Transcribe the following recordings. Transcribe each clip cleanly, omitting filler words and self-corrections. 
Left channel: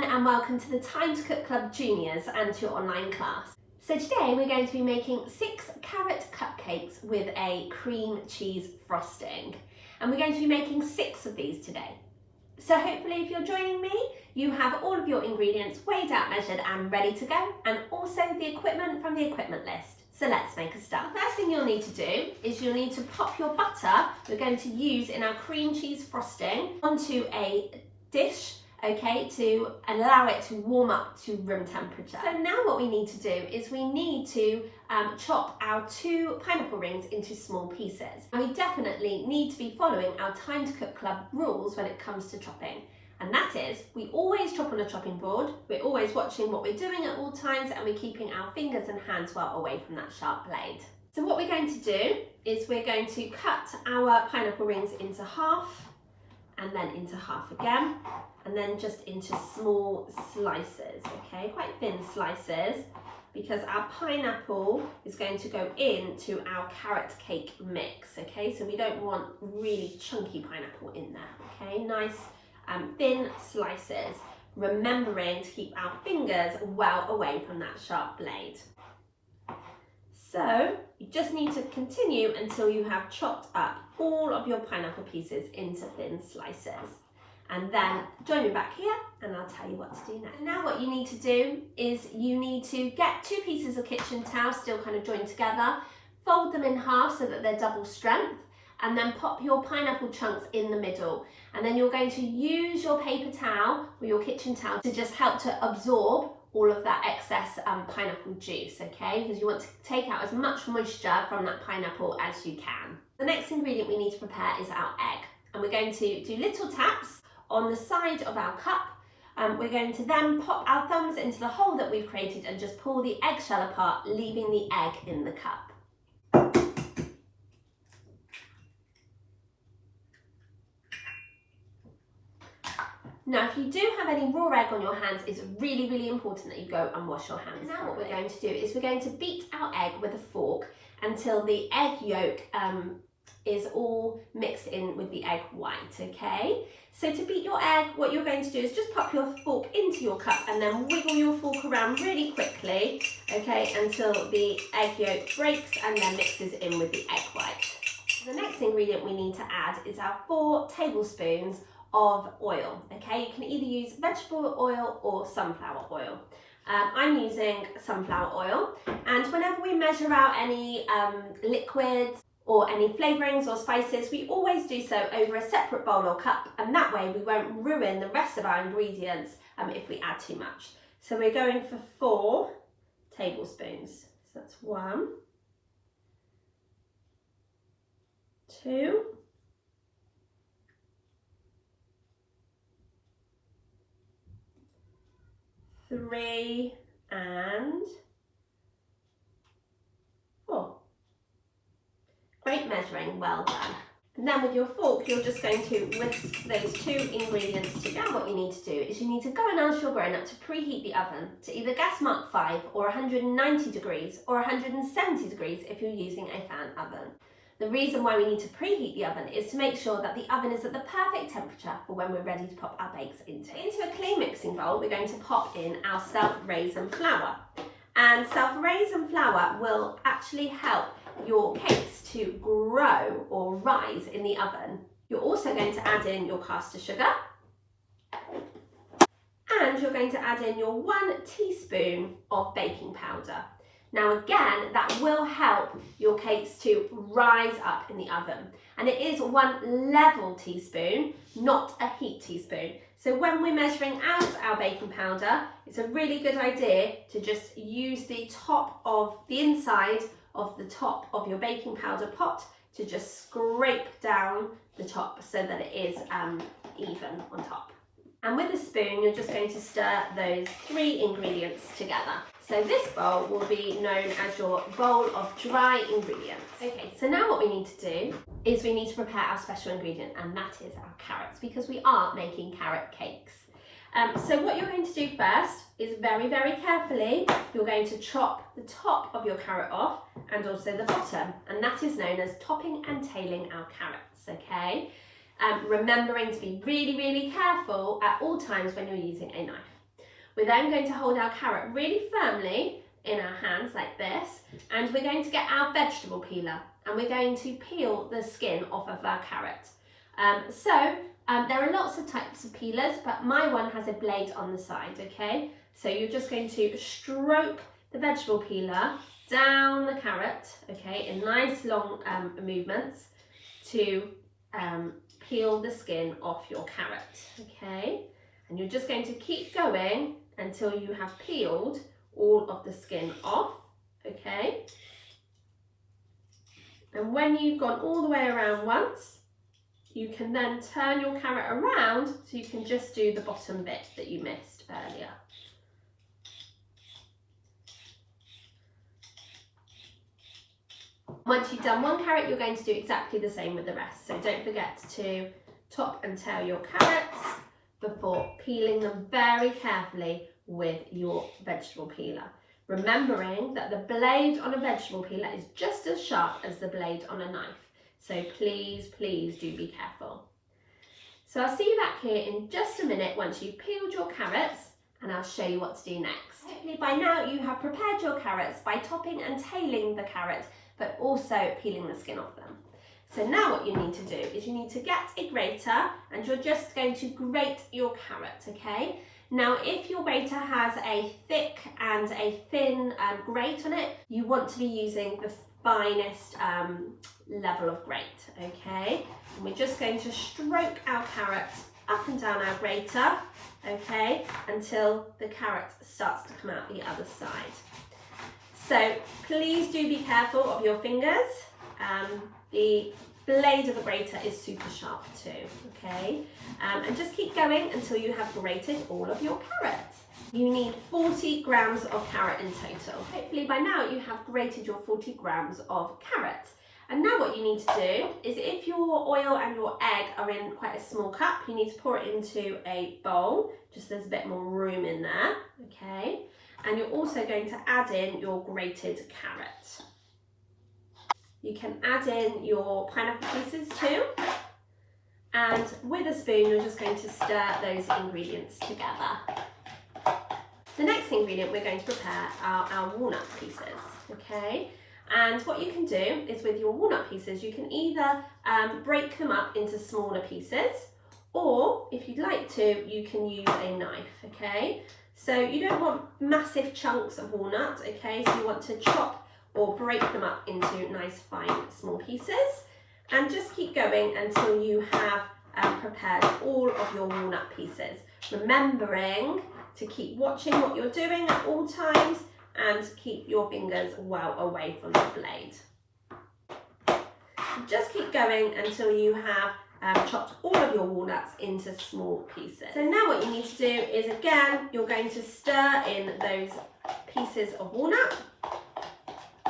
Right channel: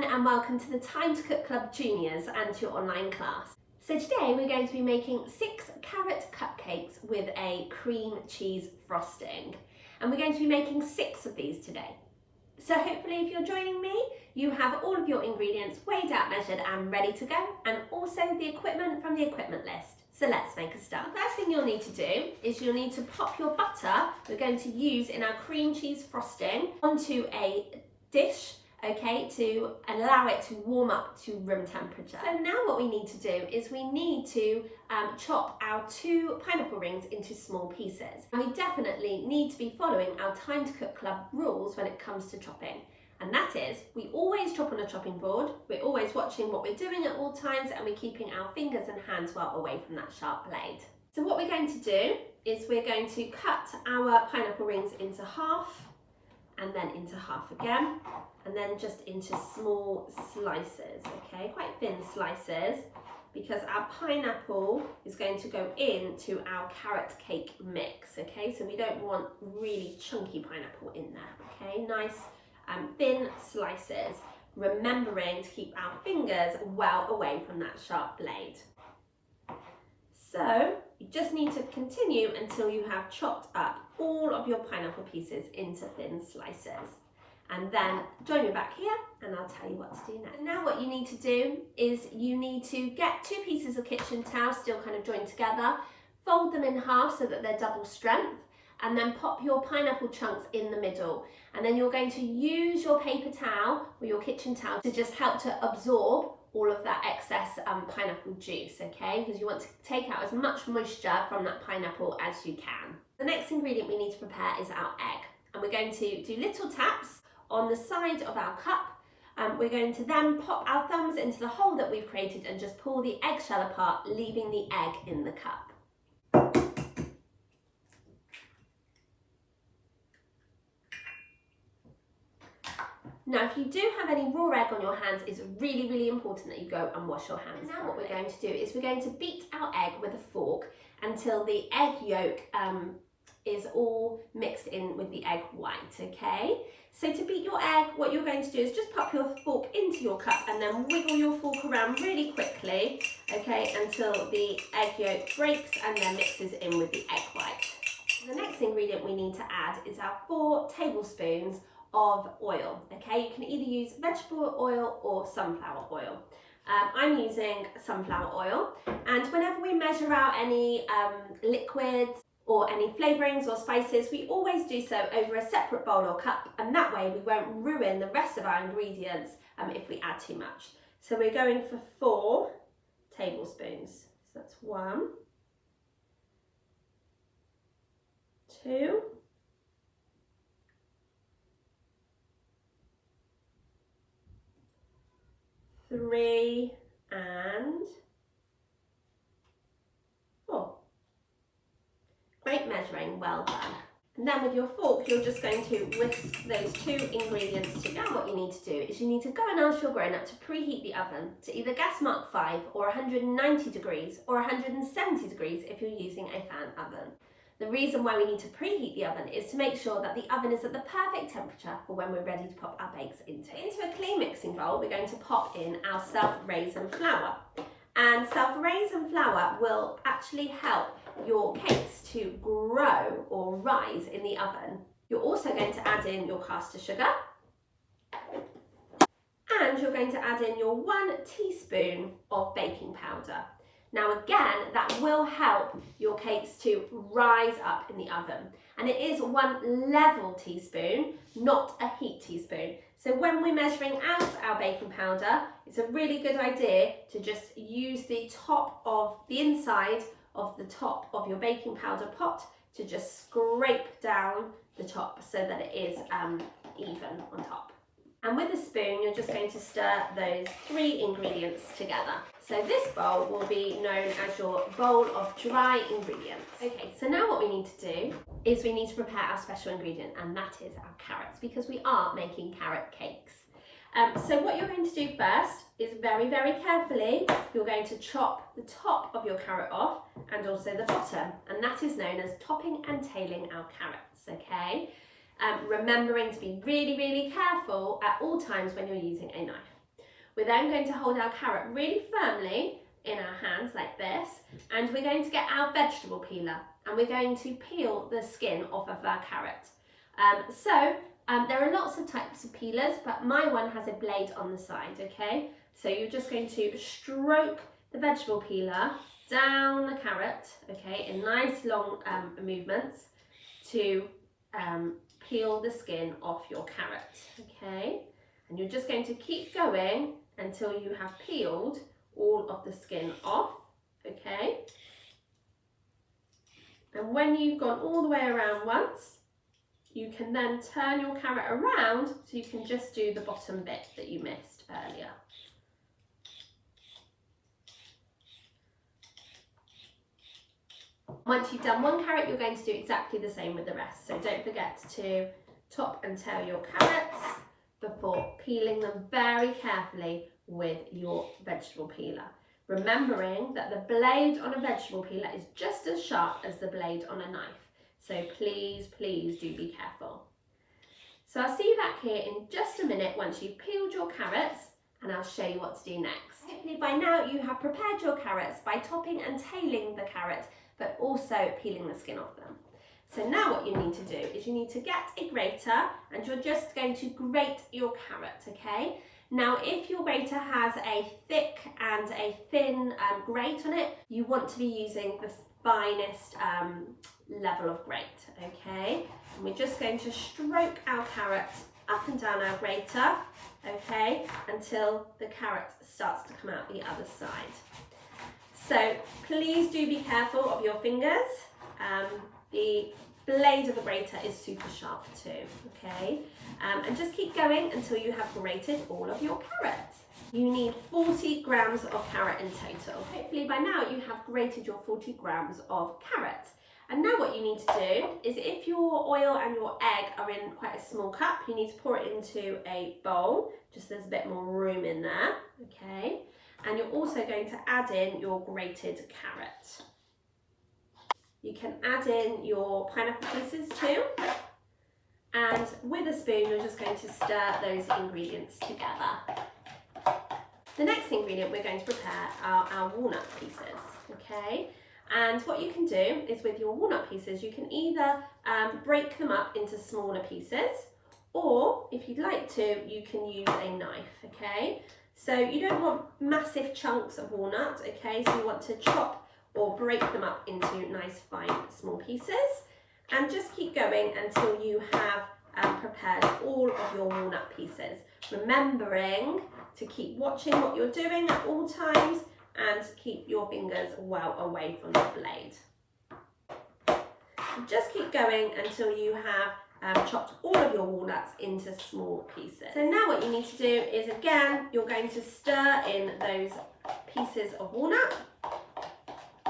everyone and welcome to the Time to Cook Club Juniors and to your online class. So today we're going to be making 6 carrot cupcakes with a cream cheese frosting, and we're going to be making 6 of these today. So hopefully if you're joining me, you have all of your ingredients weighed out, measured and ready to go, and also the equipment from the equipment list. So let's make a start. The first thing you'll need to do is you'll need to pop your butter we're going to use in our cream cheese frosting onto a dish, okay, to allow it to warm up to room temperature. So now what we need to do is we need to chop our 2 pineapple rings into small pieces. And we definitely need to be following our Time to Cook Club rules when it comes to chopping. And that is, we always chop on a chopping board, we're always watching what we're doing at all times, and we're keeping our fingers and hands well away from that sharp blade. So what we're going to do is we're going to cut our pineapple rings into half, and then into half again, and then just into small slices, okay, quite thin slices, because our pineapple is going to go into our carrot cake mix, okay, so we don't want really chunky pineapple in there, okay, nice thin slices, remembering to keep our fingers well away from that sharp blade. So you just need to continue until you have chopped up all of your pineapple pieces into thin slices. And then join me back here and I'll tell you what to do next. Now what you need to do is you need to get 2 pieces of kitchen towel still kind of joined together, fold them in half so that they're double strength, and then pop your pineapple chunks in the middle. And then you're going to use your paper towel or your kitchen towel to just help to absorb all of that excess pineapple juice, okay? Because you want to take out as much moisture from that pineapple as you can. The next ingredient we need to prepare is our egg. And we're going to do little taps on the side of our cup. We're going to then pop our thumbs into the hole that we've created and just pull the eggshell apart, leaving the egg in the cup. Now, if you do have any raw egg on your hands, it's really, really important that you go and wash your hands. Now what we're going to do is we're going to beat our egg with a fork until the egg yolk is all mixed in with the egg white, okay? So to beat your egg, what you're going to do is just pop your fork into your cup and then wiggle your fork around really quickly, okay, until the egg yolk breaks and then mixes in with the egg white. The next ingredient we need to add is our 4 tablespoons of oil, okay? You can either use vegetable oil or sunflower oil. I'm using sunflower oil, and whenever we measure out any liquids or any flavourings or spices, we always do so over a separate bowl or cup, and that way we won't ruin the rest of our ingredients if we add too much. So we're going for 4 tablespoons. So that's 1, 2, 3 and 4. Great measuring, well done. And then with your fork, you're just going to whisk those 2 ingredients together. Now what you need to do is you need to go and ask your grown-up to preheat the oven to either gas mark 5 or 190 degrees or 170 degrees if you're using a fan oven. The reason why we need to preheat the oven is to make sure that the oven is at the perfect temperature for when we're ready to pop our bakes into. Into a clean mixing bowl, we're going to pop in our self-raisin flour. And self-raisin flour will actually help your cakes to grow or rise in the oven. You're also going to add in your caster sugar. And you're going to add in your 1 teaspoon of baking powder. Now again, that will help your cakes to rise up in the oven. And it is 1 level teaspoon, not a heat teaspoon. So when we're measuring out our baking powder, it's a really good idea to just use the top of the inside of the top of your baking powder pot to just scrape down the top so that it is even on top. And with a spoon, you're just going to stir those 3 ingredients together. So this bowl will be known as your bowl of dry ingredients. Okay, so now what we need to do is we need to prepare our special ingredient, and that is our carrots, because we are making carrot cakes. So what you're going to do first is very, very carefully, you're going to chop the top of your carrot off and also the bottom, and that is known as topping and tailing our carrots, okay? Remembering to be really, really careful at all times when you're using a knife. We're then going to hold our carrot really firmly in our hands like this, and we're going to get our vegetable peeler and we're going to peel the skin off of our carrot. There are lots of types of peelers, but my one has a blade on the side, okay? So you're just going to stroke the vegetable peeler down the carrot, okay, in nice long movements to peel the skin off your carrot, okay? And you're just going to keep going until you have peeled all of the skin off, okay? And when you've gone all the way around once, you can then turn your carrot around so you can just do the bottom bit that you missed earlier. Once you've done one carrot, you're going to do exactly the same with the rest. So don't forget to top and tail your carrots before peeling them very carefully with your vegetable peeler. Remembering that the blade on a vegetable peeler is just as sharp as the blade on a knife. So please, please do be careful. So I'll see you back here in just a minute once you've peeled your carrots, and I'll show you what to do next. Hopefully by now you have prepared your carrots by topping and tailing the carrot, but also peeling the skin off them. So now what you need to do is you need to get a grater, and you're just going to grate your carrot, okay? Now if your grater has a thick and a thin grate on it, you want to be using the finest level of grate, okay? And we're just going to stroke our carrots up and down our grater, okay, until the carrot starts to come out the other side. So please do be careful of your fingers. The blade of a grater is super sharp too, okay? And just keep going until you have grated all of your carrots. You need 40 grams of carrot in total. Hopefully by now you have grated your 40 grams of carrot. And now what you need to do is, if your oil and your egg are in quite a small cup, you need to pour it into a bowl, just so there's a bit more room in there, okay? And you're also going to add in your grated carrot. You can add in your pineapple pieces too. And with a spoon, you're just going to stir those ingredients together. The next ingredient we're going to prepare are our walnut pieces, okay? And what you can do is, with your walnut pieces, you can either break them up into smaller pieces, or if you'd like to, you can use a knife, okay? So you don't want massive chunks of walnut, okay? So you want to chop or break them up into nice fine small pieces, and just keep going until you have prepared all of your walnut pieces. Remembering to keep watching what you're doing at all times and keep your fingers well away from the blade. Just keep going until you have chopped all of your walnuts into small pieces. So now what you need to do is, again, you're going to stir in those pieces of walnut.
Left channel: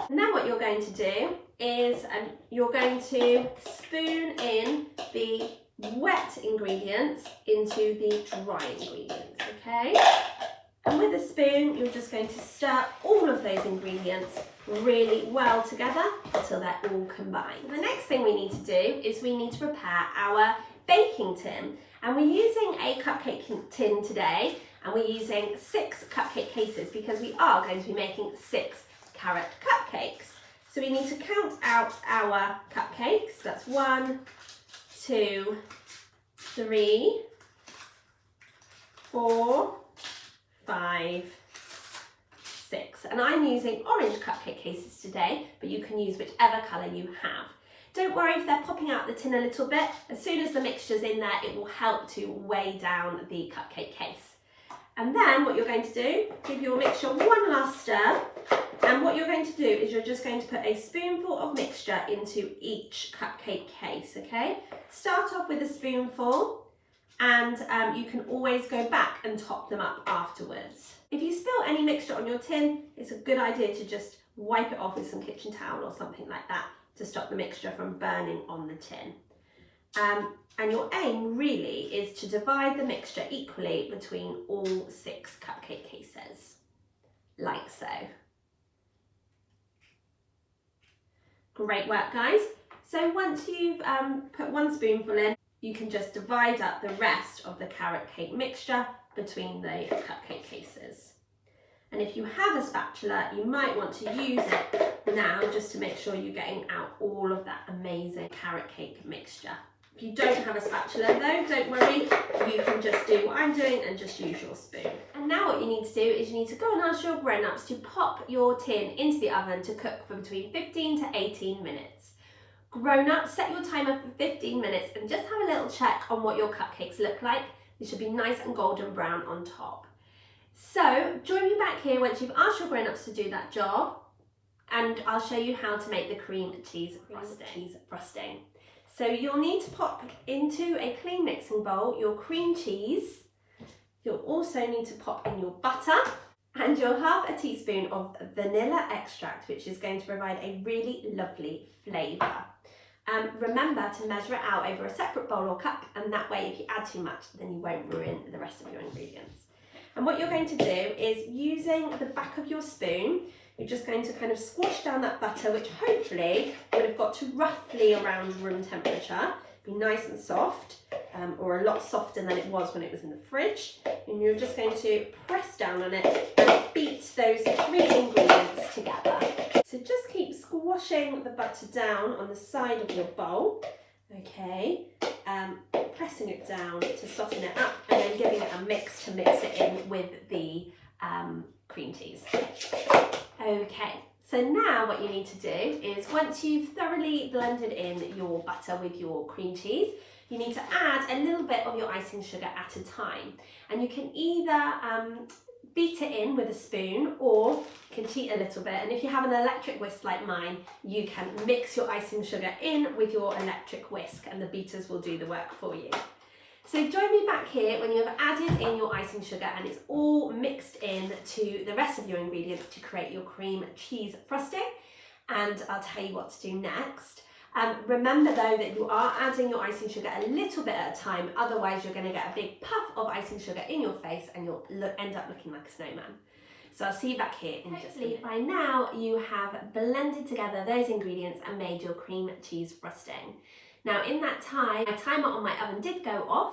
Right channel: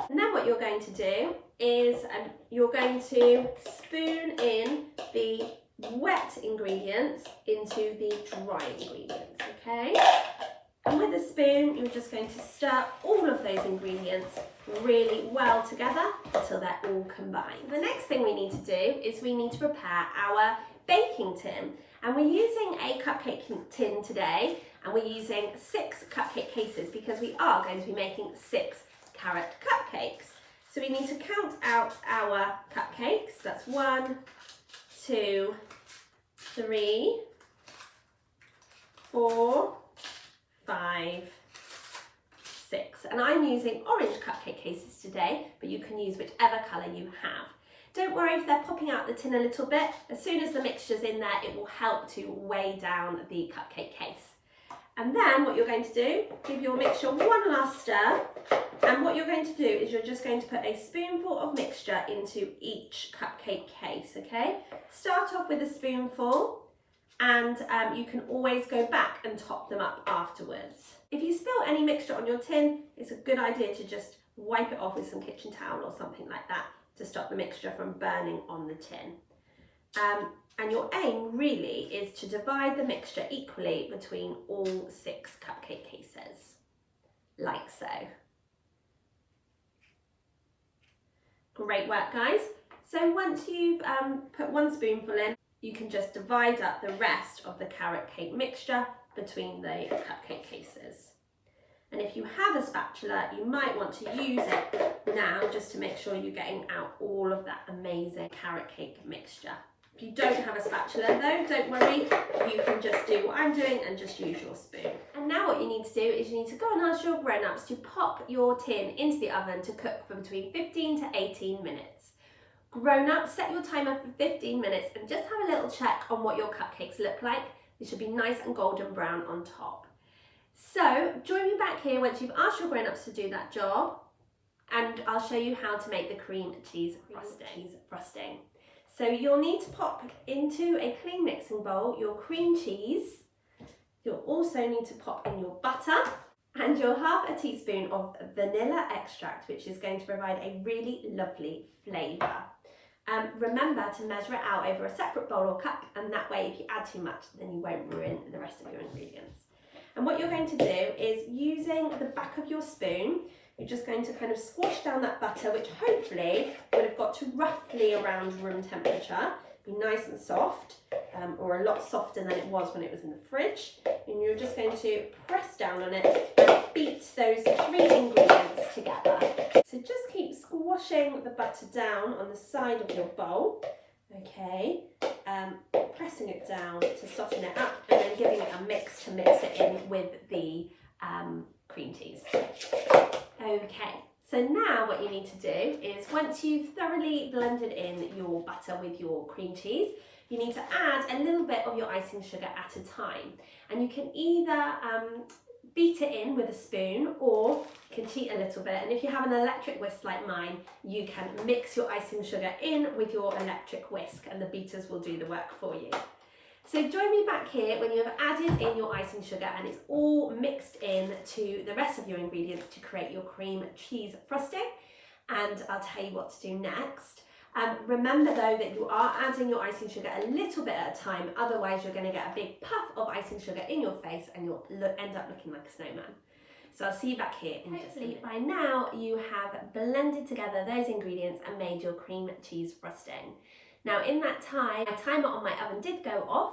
And then what you're going to do is you're going to spoon in the wet ingredients into the dry ingredients, okay? And with a spoon, you're just going to stir all of those ingredients really well together until they're all combined. The next thing we need to do is we need to prepare our baking tin. And we're using a cupcake tin today, and we're using 6 cupcake cases because we are going to be making 6 carrot cupcakes. So we need to count out our cupcakes. That's 1, 2, 3, 4, 5, 6. And I'm using orange cupcake cases today, but you can use whichever colour you have. Don't worry if they're popping out the tin a little bit. As soon as the mixture's in there, it will help to weigh down the cupcake case. And then what you're going to do, give your mixture one last stir. And what you're going to do is you're just going to put a spoonful of mixture into each cupcake case, okay? Start off with a spoonful, and you can always go back and top them up afterwards. If you spill any mixture on your tin, it's a good idea to just wipe it off with some kitchen towel or something like that to stop the mixture from burning on the tin. And your aim really is to divide the mixture equally between all 6 cupcake cases, like so. Great work, guys. So once you've put one spoonful in, you can just divide up the rest of the carrot cake mixture between the cupcake cases. And if you have a spatula, you might want to use it now just to make sure you're getting out all of that amazing carrot cake mixture. If you don't have a spatula though, don't worry, you can just do what I'm doing and just use your spoon. And now what you need to do is you need to go and ask your grown-ups to pop your tin into the oven to cook for between 15 to 18 minutes. Grown-ups, set your timer for 15 minutes and just have a little check on what your cupcakes look like. They should be nice and golden brown on top. So join me back here once you've asked your grown-ups to do that job, and I'll show you how to make the cream cheese frosting. So you'll need to pop into a clean mixing bowl your cream cheese. You'll also need to pop in your butter and your half a teaspoon of vanilla extract, which is going to provide a really lovely flavour. Remember to measure it out over a separate bowl or cup, and that way if you add too much then you won't ruin the rest of your ingredients. And what you're going to do is, using the back of your spoon, you're just going to kind of squash down that butter, which hopefully would have got to roughly around room temperature. Be nice and soft, or a lot softer than it was when it was in the fridge. And you're just going to press down on it and beat those three ingredients together. So just keep squashing the butter down on the side of your bowl, okay? Pressing it down to soften it up, and then giving it a mix to mix it in with the cream cheese. Okay, so now what you need to do is, once you've thoroughly blended in your butter with your cream cheese, you need to add a little bit of your icing sugar at a time. And you can either beat it in with a spoon, or you can cheat a little bit, and if you have an electric whisk like mine, you can mix your icing sugar in with your electric whisk and the beaters will do the work for you. So join me back here when you have added in your icing sugar and it's all mixed in to the rest of your ingredients to create your cream cheese frosting, and I'll tell you what to do next. Remember though that you are adding your icing sugar a little bit at a time, otherwise you're going to get a big puff of icing sugar in your face and you'll end up looking like a snowman. So I'll see you back here in just a minute. By now you have blended together those ingredients and made your cream cheese frosting. Now in that time, my timer on my oven did go off,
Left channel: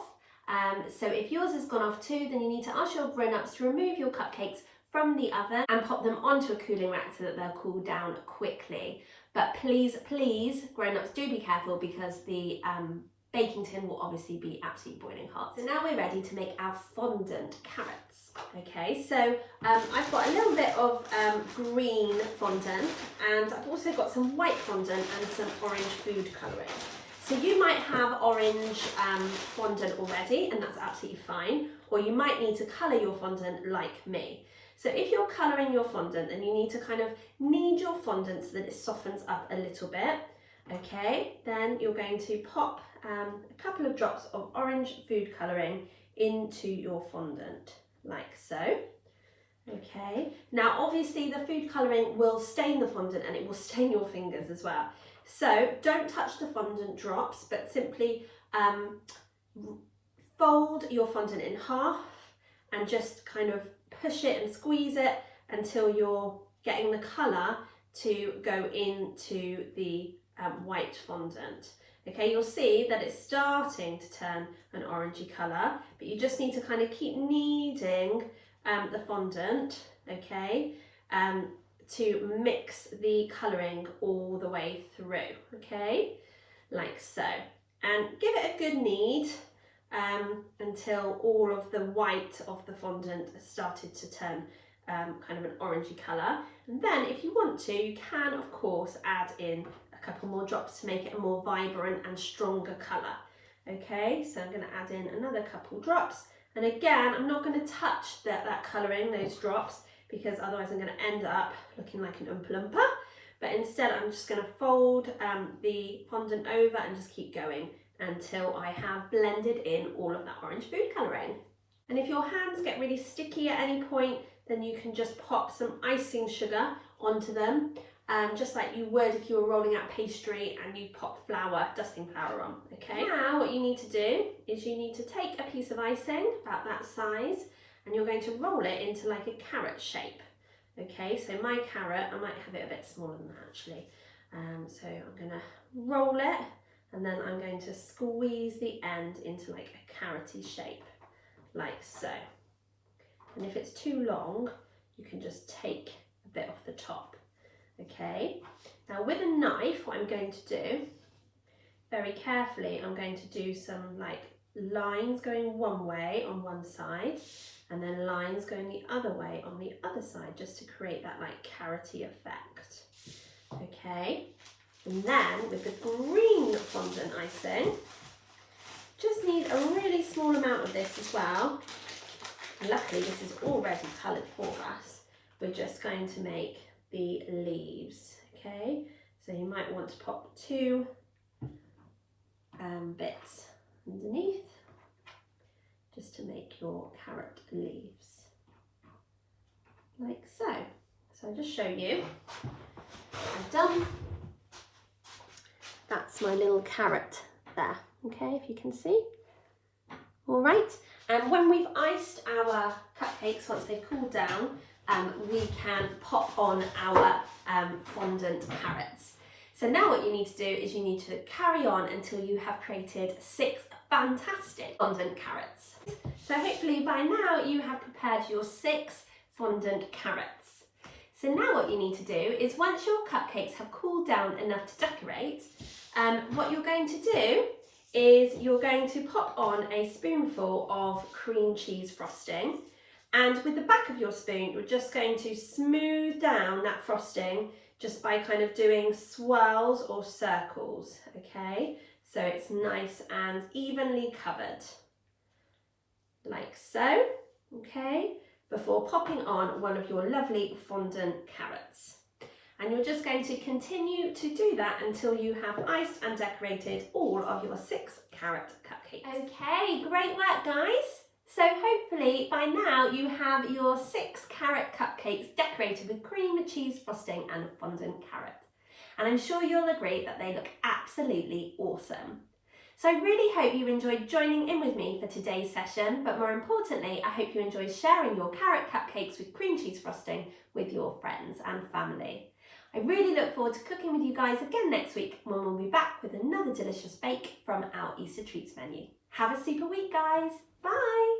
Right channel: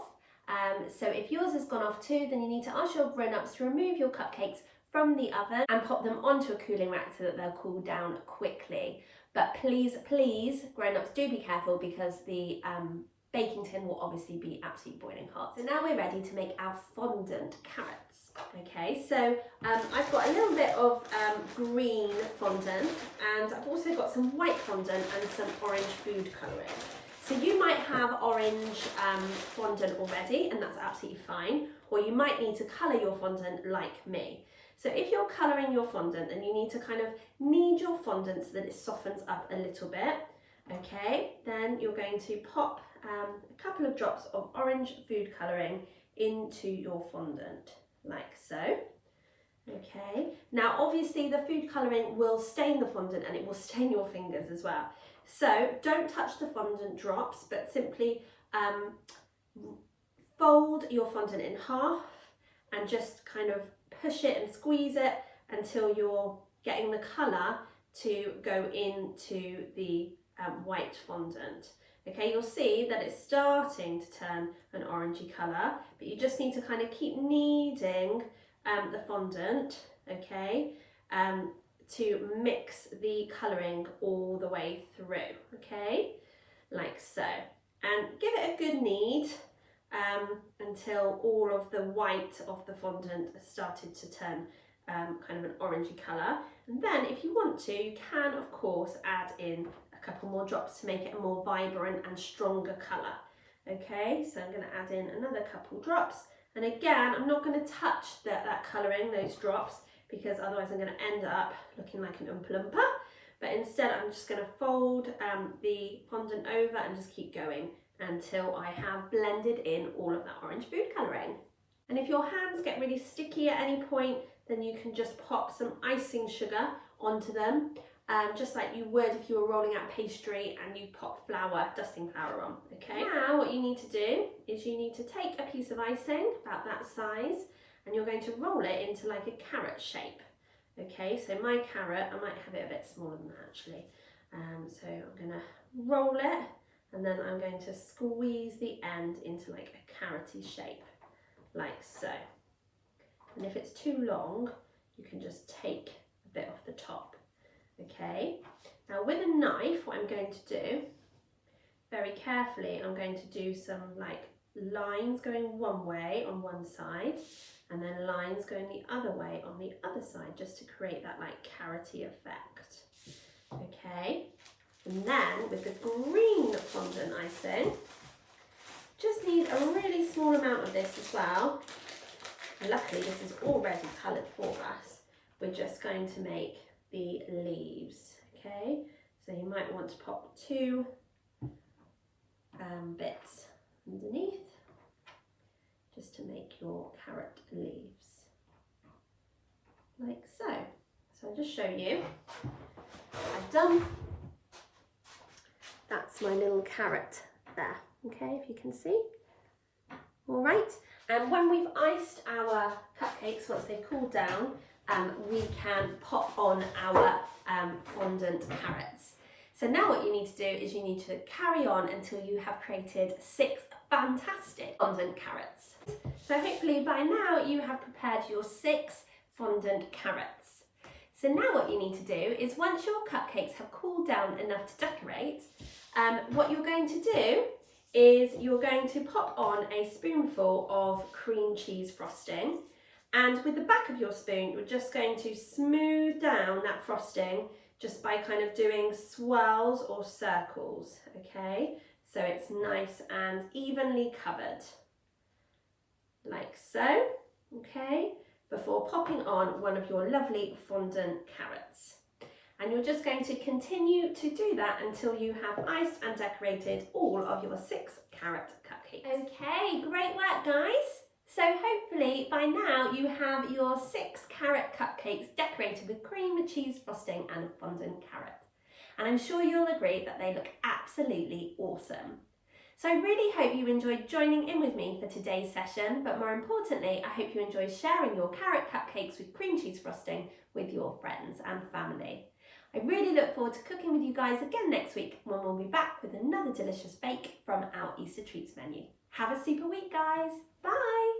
so if yours has gone off too, then you need to ask your grown-ups to remove your cupcakes from the oven and pop them onto a cooling rack so that they'll cool down quickly. But please, grown-ups, do be careful, because the baking tin will obviously be absolutely boiling hot. So now we're ready to make our fondant carrots. Okay, so I've got a little bit of green fondant, and I've also got some white fondant and some orange food colouring. So you might have orange fondant already, and that's absolutely fine, or you might need to colour your fondant like me. So if you're colouring your fondant, then you need to kind of knead your fondant so that it softens up a little bit. Okay, then you're going to pop a couple of drops of orange food colouring into your fondant, like so. Okay, now obviously the food colouring will stain the fondant and it will stain your fingers as well. So don't touch the fondant drops, but simply fold your fondant in half and just kind of push it and squeeze it until you're getting the colour to go into the white fondant. Okay, you'll see that it's starting to turn an orangey colour, but you just need to kind of keep kneading the fondant, okay, to mix the colouring all the way through, okay, like so. And give it a good knead until all of the white of the fondant has started to turn kind of an orangey colour. And then if you want to, you can of course add in a couple more drops to make it a more vibrant and stronger colour. Okay, so I'm going to add in another couple drops, and again I'm not going to touch that colouring, those drops, because otherwise I'm going to end up looking like an Oompa Loompa. But instead I'm just going to fold the fondant over and just keep going until I have blended in all of that orange food colouring. And if your hands get really sticky at any point, then you can just pop some icing sugar onto them, just like you would if you were rolling out pastry and you pop flour, dusting flour on. Okay, now what you need to do is you need to take a piece of icing about that size, and you're going to roll it into like a carrot shape. Okay, so my carrot, I might have it a bit smaller than that actually. So I'm going to roll it, and then I'm going to squeeze the end into like a carroty shape, like so. and if it's too long, you can just take a bit off the top. Okay, now with a knife, what I'm going to do, very carefully, I'm going to do some like lines going one way on one side, and then lines going the other way on the other side, just to create that like carroty effect. Okay, and then with the green fondant icing, just need a really small amount of this as well. Luckily this is already coloured for us. We're just going to make the leaves. Okay, so you might want to pop 2 bits underneath just to make your carrot leaves, like so. So I'll just show you. I've done, that's my little carrot there, okay, if you can see. All right, and when we've iced our cupcakes, once they've cooled down, we can pop on our fondant carrots. So now what you need to do is you need to carry on until you have created 6 fantastic fondant carrots. So hopefully by now you have prepared your 6 fondant carrots. So now what you need to do is, once your cupcakes have cooled down enough to decorate, what you're going to do is you're going to pop on a spoonful of cream cheese frosting, and with the back of your spoon you're just going to smooth down that frosting just by kind of doing swirls or circles, okay? So it's nice and evenly covered, like so, okay? Before popping on one of your lovely fondant carrots. And you're just going to continue to do that until you have iced and decorated all of your 6 carrot cupcakes. Okay, great work guys. So hopefully by now you have your 6 carrot cupcakes decorated with cream cheese frosting and fondant carrot. And I'm sure you'll agree that they look absolutely awesome. So I really hope you enjoyed joining in with me for today's session, but more importantly, I hope you enjoyed sharing your carrot cupcakes with cream cheese frosting with your friends and family. I really look forward to cooking with you guys again next week, when we'll be back with another delicious bake from our Easter Treats menu. Have a super week guys, bye!